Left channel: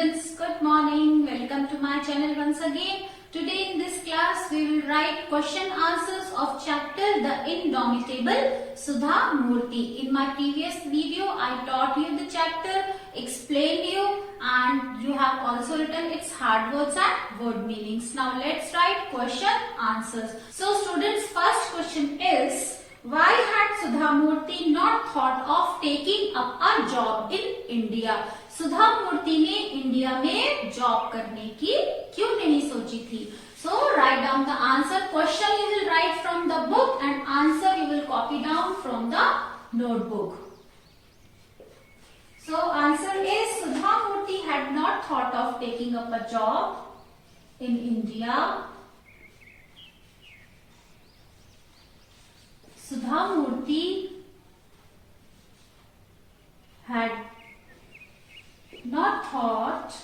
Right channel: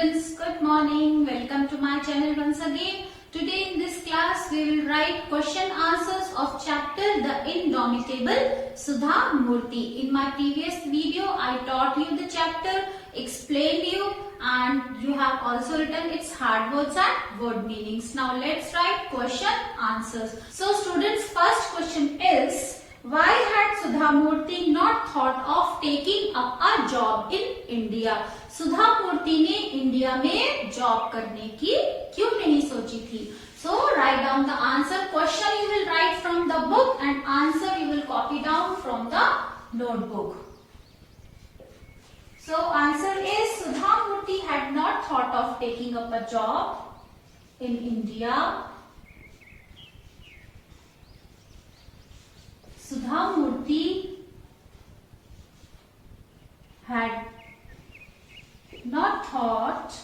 students, good morning. Welcome to my channel once again. Today in this class we will write question answers of chapter The Indomitable Sudha Murthy. In my previous video I taught you the chapter, explained you, and you have also written its hard words and word meanings. Now let's write question answers. So students, first question is, why had Sudha Murthy not thought of taking up a job in India? सुधा मूर्ति ने India में job करने की क्यों नहीं सोची थी? So write down the answer. Question you will write from the book and answer you will copy down from the notebook. So answer is Sudha Murthy had not thought of taking up a job in India. Sudha Murthy had not thought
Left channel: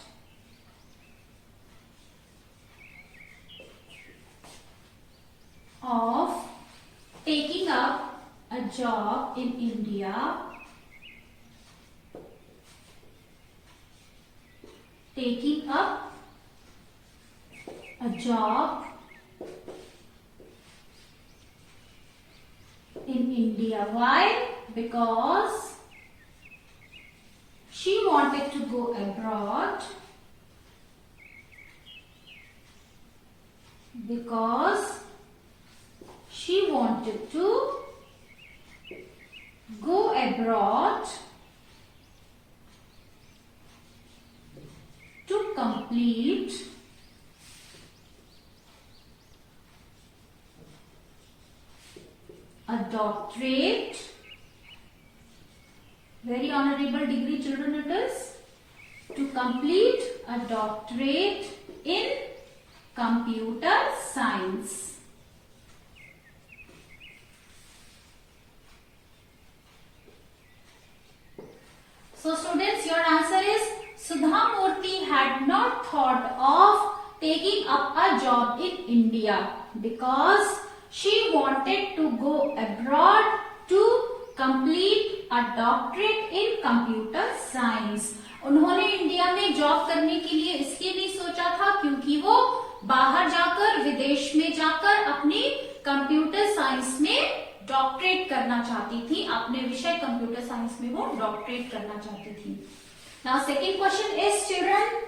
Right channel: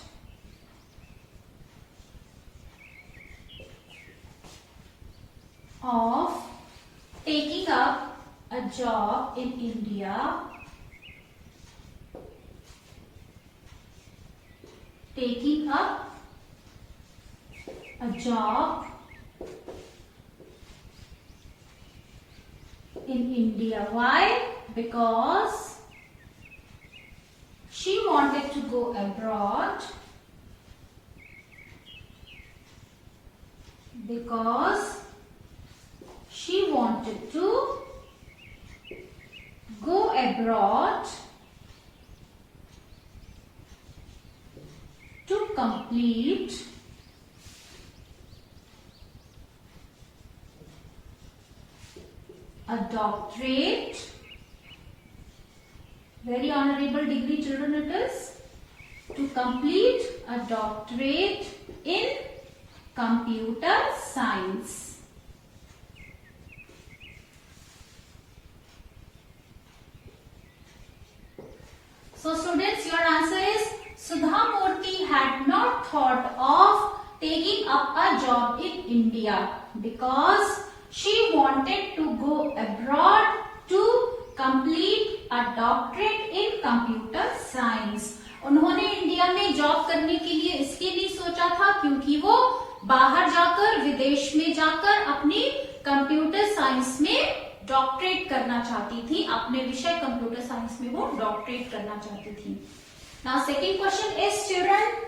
of taking up a job in India. Taking up a job in India. Why? Because she wanted to go abroad. Because she wanted to go abroad to complete a doctorate. Very honorable degree, children, it is. To complete a doctorate in computer science. So students, your answer is Sudha Murthy had not thought of taking up a job in India because she wanted to go abroad to complete a doctorate in computer science. उन्होंने India में job करने के लिए इसलिए नहीं सोचा था क्योंकि वो बाहर जाकर, विदेश में जाकर अपनी कंप्यूटर साइंस में डॉक्टरेट करना चाहती थी. अपने विषय कंप्यूटर साइंस में वो डॉक्टरेट करना चाहती थी. Now second question is children,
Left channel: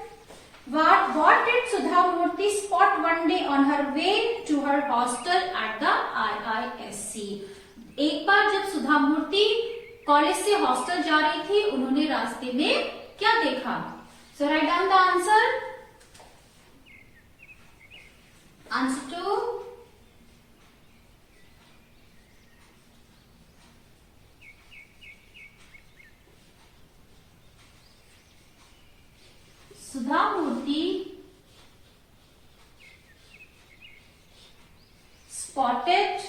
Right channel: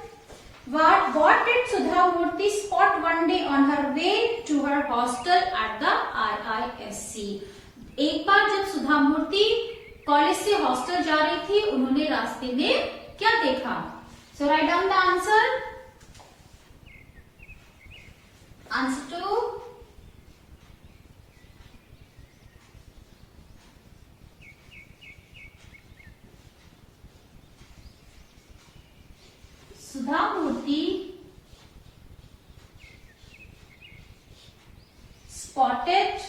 what did Sudha Murthy spot one day on her way to her hostel at the RISC? एक बार जब सुधा मूर्ति कॉलेज से हॉस्टल जा रही थी, उन्होंने रास्ते में क्या देखा? So write down the answer. Answer to Sudha Murthy spotted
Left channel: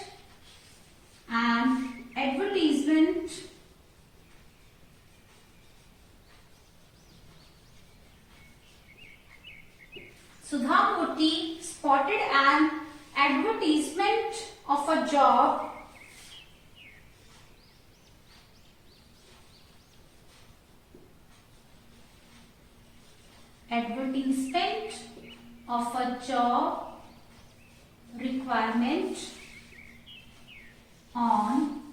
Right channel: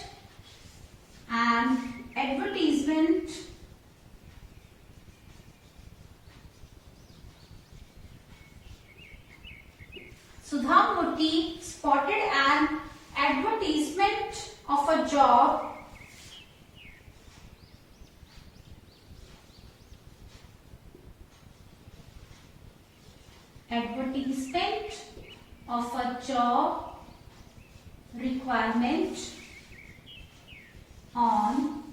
an advertisement Sudha Murthy spotted an advertisement of a job requirement on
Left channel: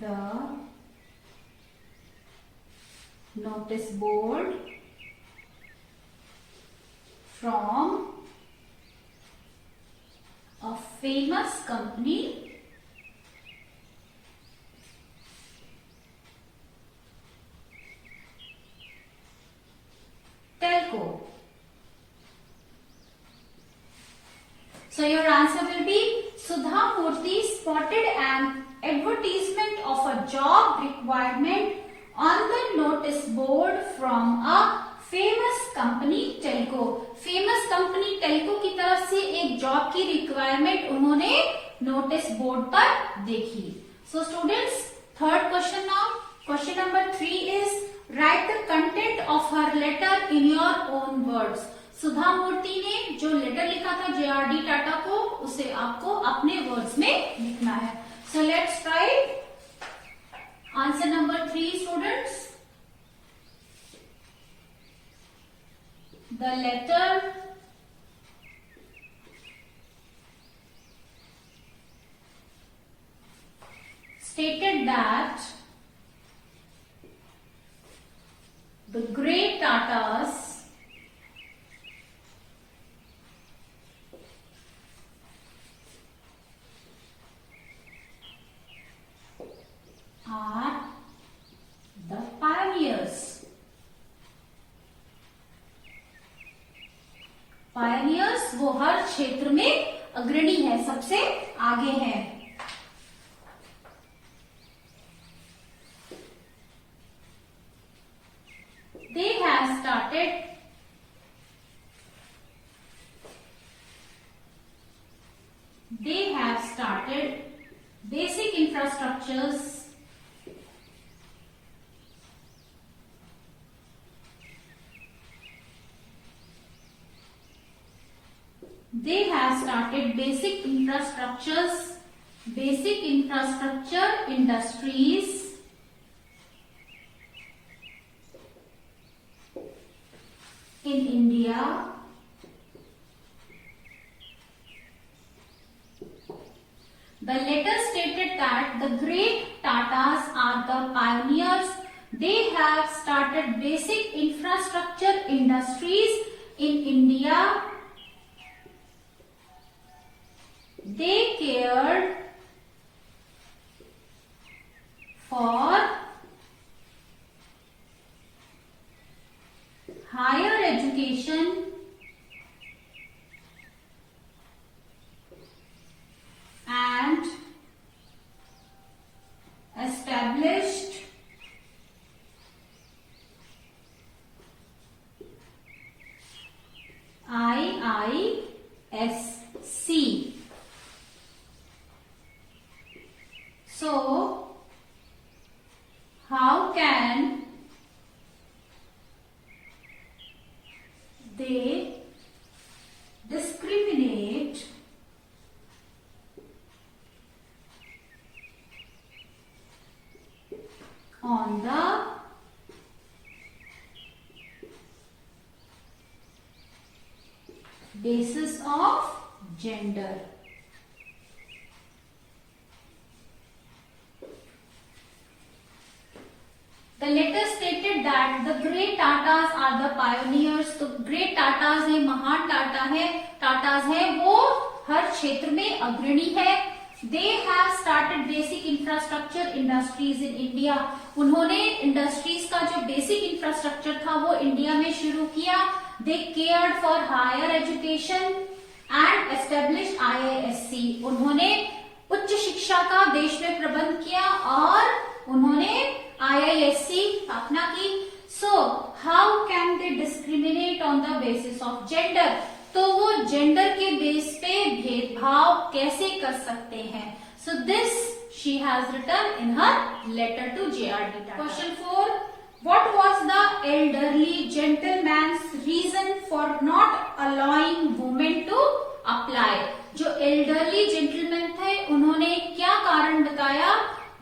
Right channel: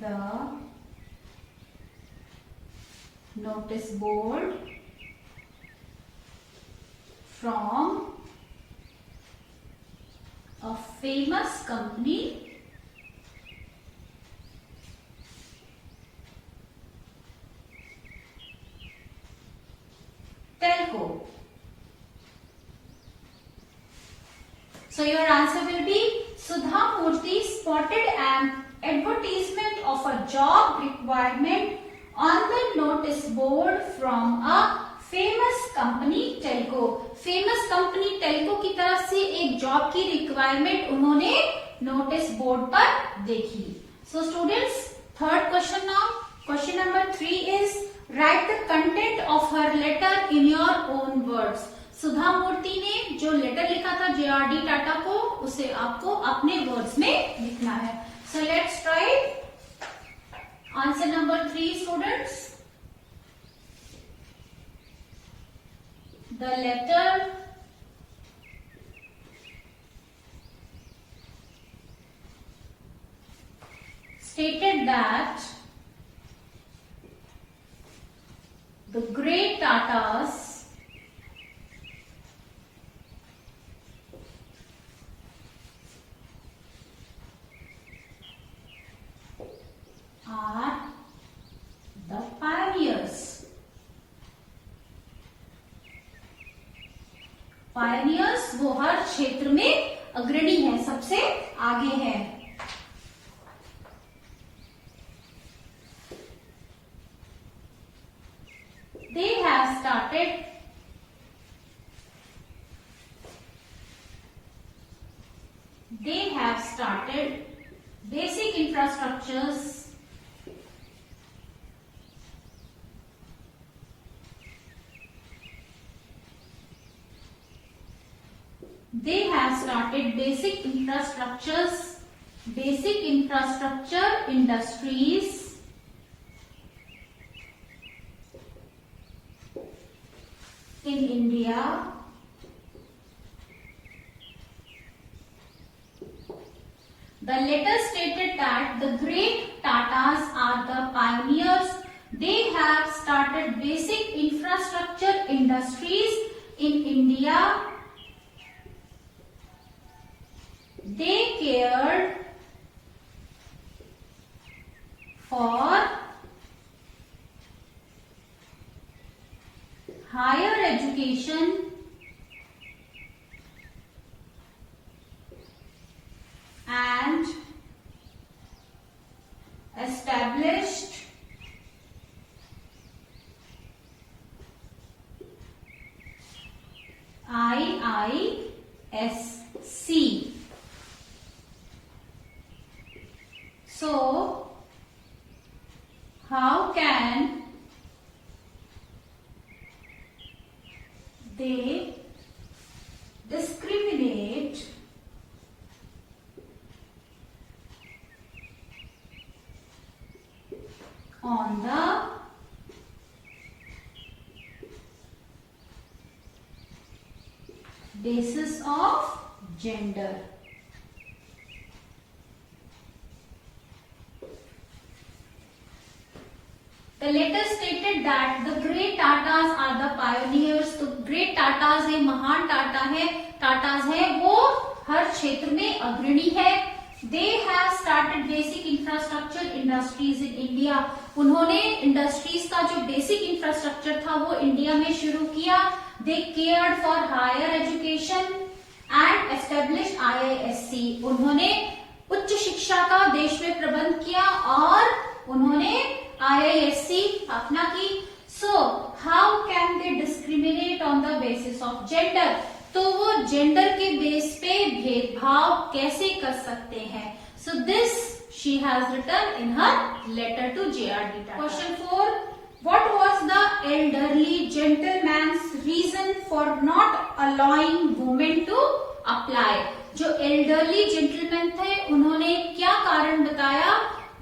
the notice board from a famous company Telco. So your answer will be Sudha Murthy spotted an advertisement of a job requirement on the notice board from a famous company Telco. Famous company Telco की तरफ से एक job की requirement उन्होंने notice board पर देखी. So students, third question now. Question number 3 is write the content of her letter in your own words. सुधा मूर्ति ने जो लेटर लिखा था JRD टाटा को, उसे आपको अपने वर्ड्स में लिखना है. So let's write answer number 3, students. The letter stated that the great Tatas are the pioneers. Pioneers वो हर क्षेत्र में अग्रणी है, सबसे आगे है. They have started basic infrastructures basic infrastructure industries in India. The letter stated that the great Tatas are the pioneers. They have started basic infrastructure industries in India. They cared for higher education and established IISc. So, how can they discriminate on the basis of gender? The letter stated that the great Tatas are the pioneers. तो great Tatas है, महान टाटा है, टाटास है, वो हर क्षेत्र में अग्रणी है. They have started basic infrastructure industries in India. उन्होंने इंडस्ट्रीज का जो बेसिक इंफ्रास्ट्रक्चर था वो इंडिया में शुरू किया. They cared for higher education and established IISc. उन्होंने उच्च शिक्षा का देश में प्रबंध किया और उन्होंने IISc स्थापना की. So, how can they discriminate on the basis of gender? तो वो जेंडर के बेस पे भेदभाव कैसे कर सकते हैं? So this she has written in her letter to JRD Tata. Question 4. What was the elderly gentleman's reason for not allowing women to apply? जो elderly gentleman थे उन्होंने क्या कारण बताया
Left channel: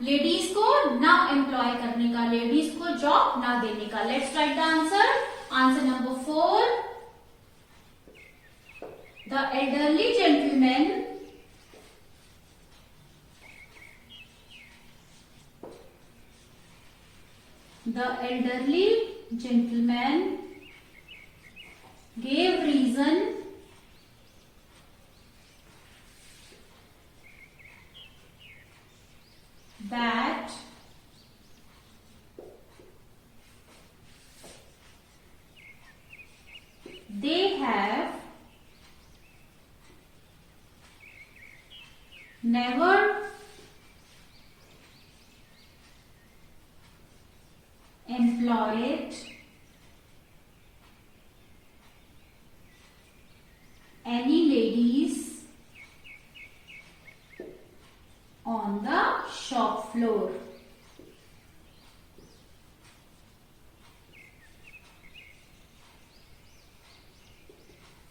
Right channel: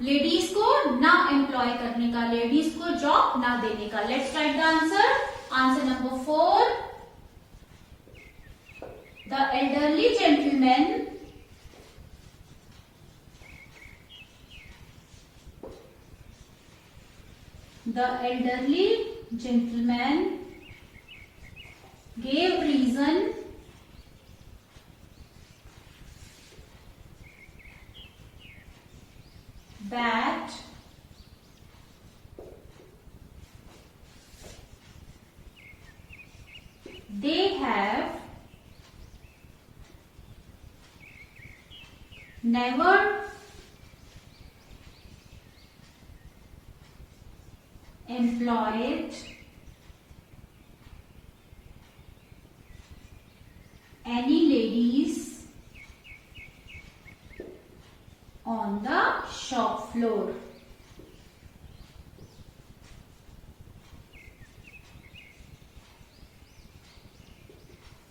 लेडीज को ना एम्प्लॉय करने का, लेडीज को जॉब ना देने का? Let's write the answer. Answer number 4. The elderly gentleman gave reason that they have never employed any ladies on the shop floor.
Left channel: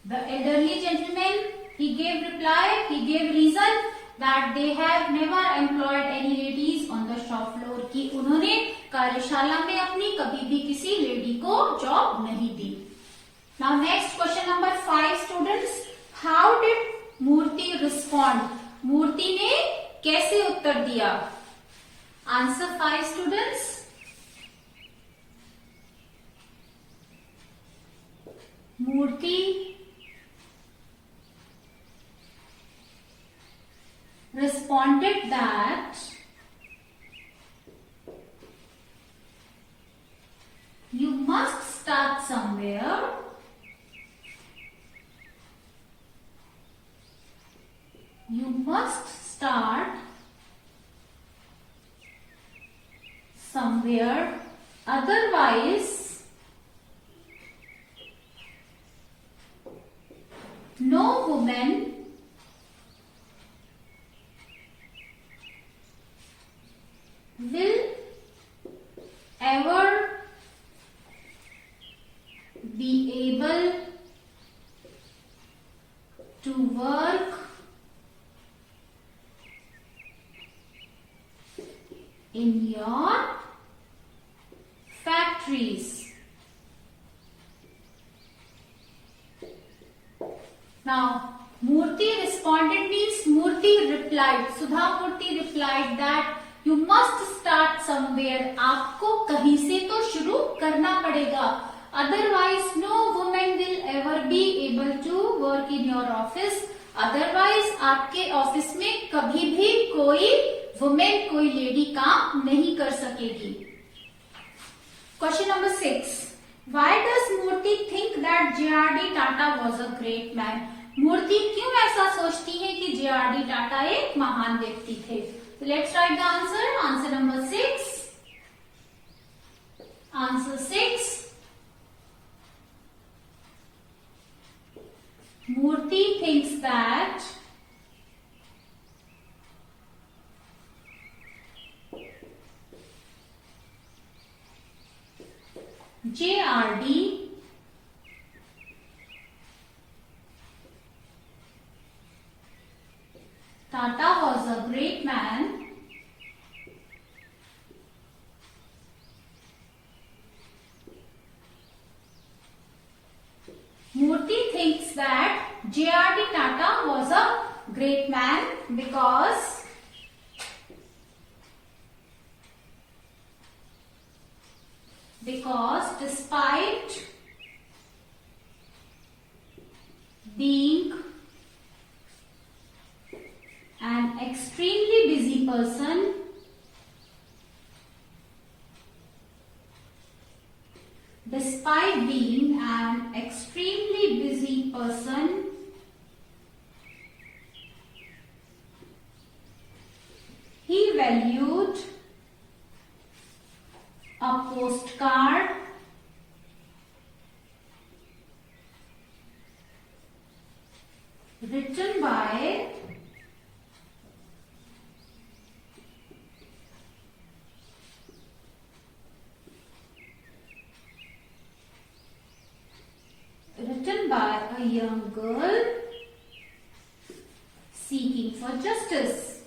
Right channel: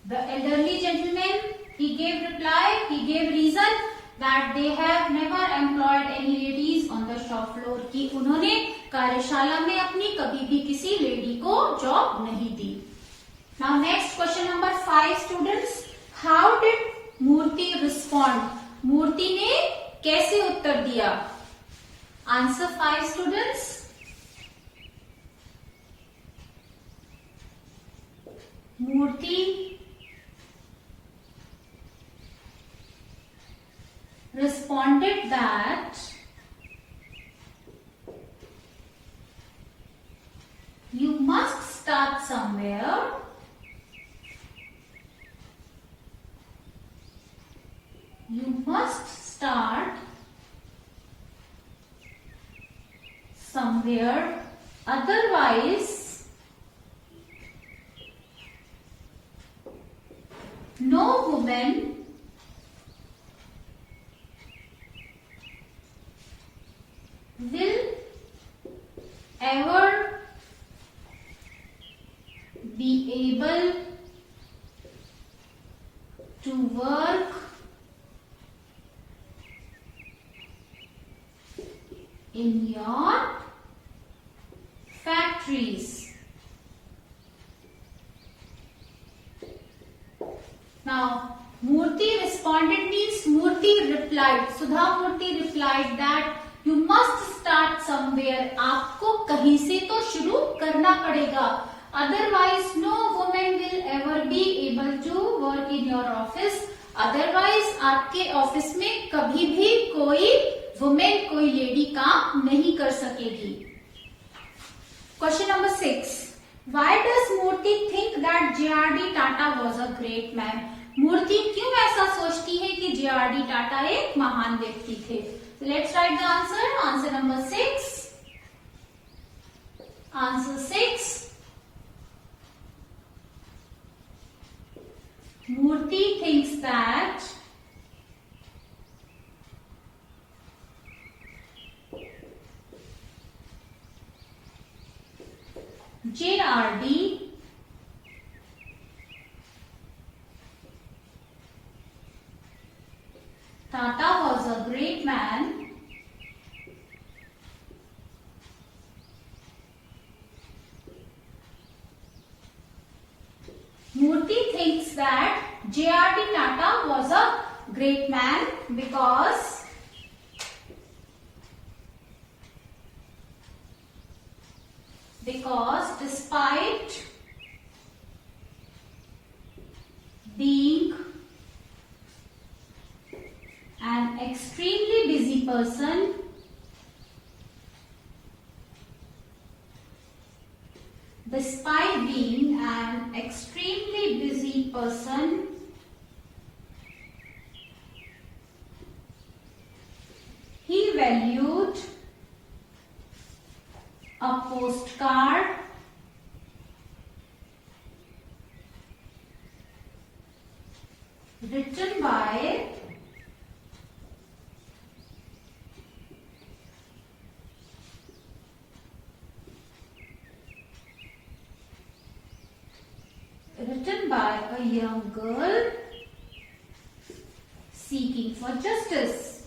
The elderly gentleman, he gave reply, he gave reason that they have never employed any ladies on the shop floor, कि उन्होंने कार्यशाला में अपनी कभी भी किसी lady को job नहीं दी. Now next question number 5 students. How did Murthy respond? मूर्ति ने कैसे उत्तर दिया? Answer 5 students. Murthy responded that you must start somewhere. You must start somewhere, otherwise no woman will ever be able to work in your factories. Now, Murthy responded means Murthy replied. Sudha Murthy replied that you must start somewhere. आपको कहीं से तो शुरू करना पड़ेगा. Otherwise, no woman will ever be able to work in your office. Otherwise, आपके office में कभी भी कोई वुमेन, कोई लेडी काम नहीं कर सकेगी. Question number 6. Why does Murthy think that J.R.D. Tata was a great man? मूर्ति क्यों ऐसा सोचती है कि J.R.D. टाटा एक महान व्यक्ति थे? So let's write the answer. Answer number 6. Answer 6. Murthy thinks that J.R.D. Tata was a great man Murthy thinks that J.R.D. Tata was a great man because despite being an extremely busy person, he valued a postcard written by a young girl seeking for justice.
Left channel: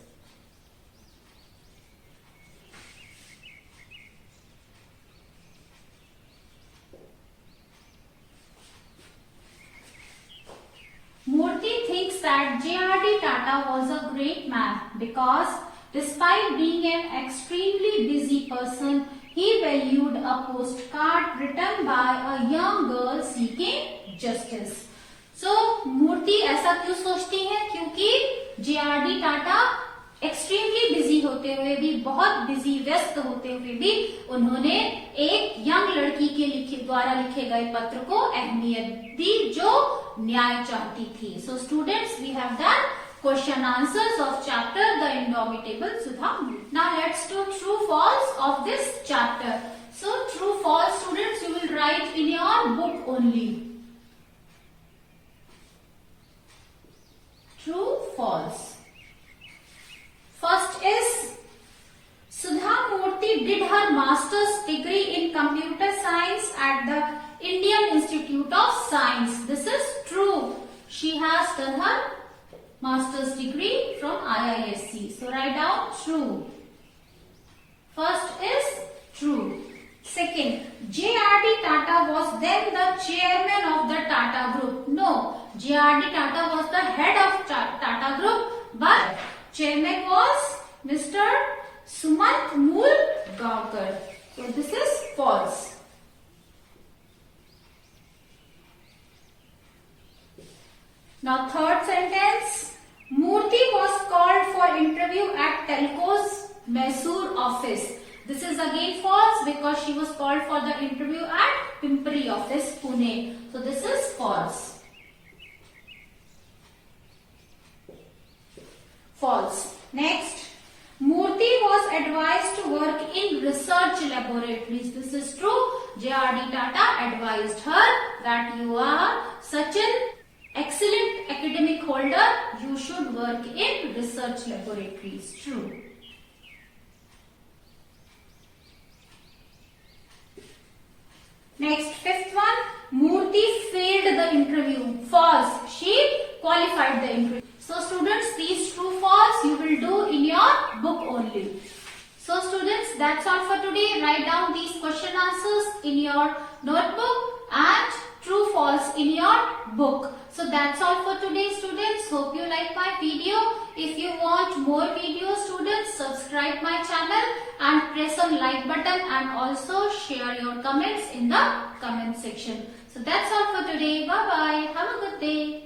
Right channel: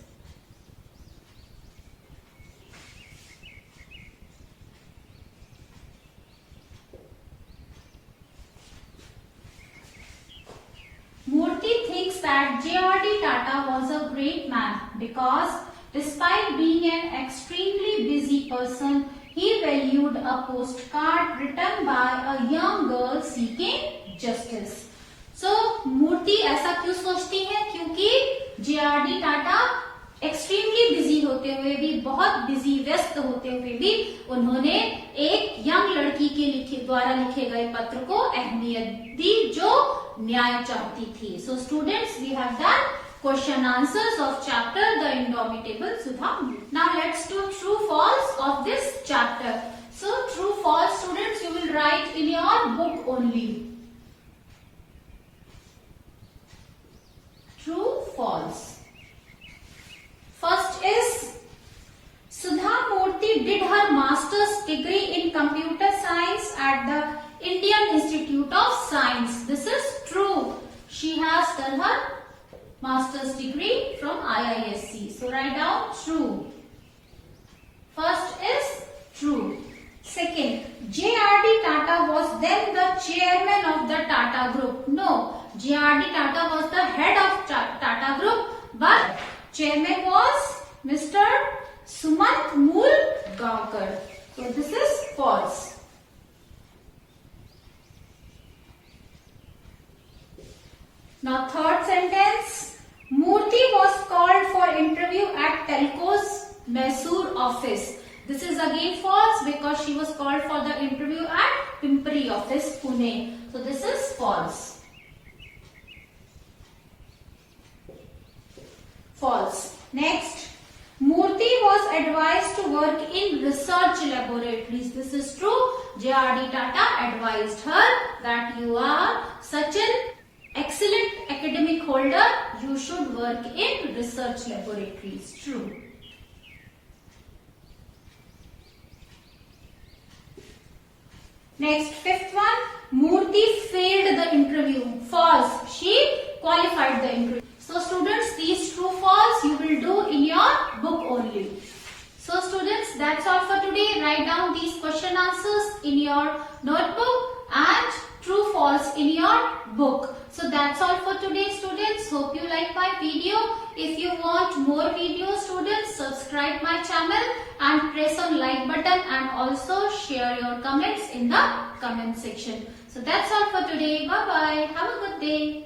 Murthy thinks that J.R.D. Tata was a great man because despite being an extremely busy person, he valued a postcard written by a young girl seeking justice. So, मूर्ति ऐसा क्यों सोचती है? क्योंकि J.R.D. Tata extremely busy होते हुए भी, बहुत busy व्यस्त होते हुए भी, उन्होंने एक यंग लड़की के द्वारा लिखे गए पत्र को अहमियत दी जो न्याय चाहती थी. So students, we have done question answers of chapter The Indomitable Sudha. Now let's do true false of this chapter. So true false students, you will write in your book only. True false. First is Sudha Murthy did her master's degree in computer science at the Indian Institute of Science. This is true. She has done her master's degree from IISc. So write down true. First is true. Second, J.R.D. Tata was then the chairman of the Tata Group. No, J.R.D. Tata was the head of Tata Group, but chairman was Mr. Sumant Moolgaonkar. So this is false. Now third sentence, Murthy was called for interview at Telco's Mysore office. This is again false because she was called for the interview at Pimpri office, Pune. So this is false. False. Next, Murthy was advised to work in research laboratories. This is true. J.R.D. Tata advised her that you are such an excellent academic holder, you should work in research laboratories. True. Next, fifth one, Murthy failed the interview. False. She qualified the interview. So students, these true false you will do in your book only. So students, that's all for today. Write down these question answers in your notebook and true false in your book. So that's all for today students. Hope you like my video. If you want more videos students, subscribe my channel and press on like button and also share your comments in the comment section. So that's all for today. Bye bye. Have a good day.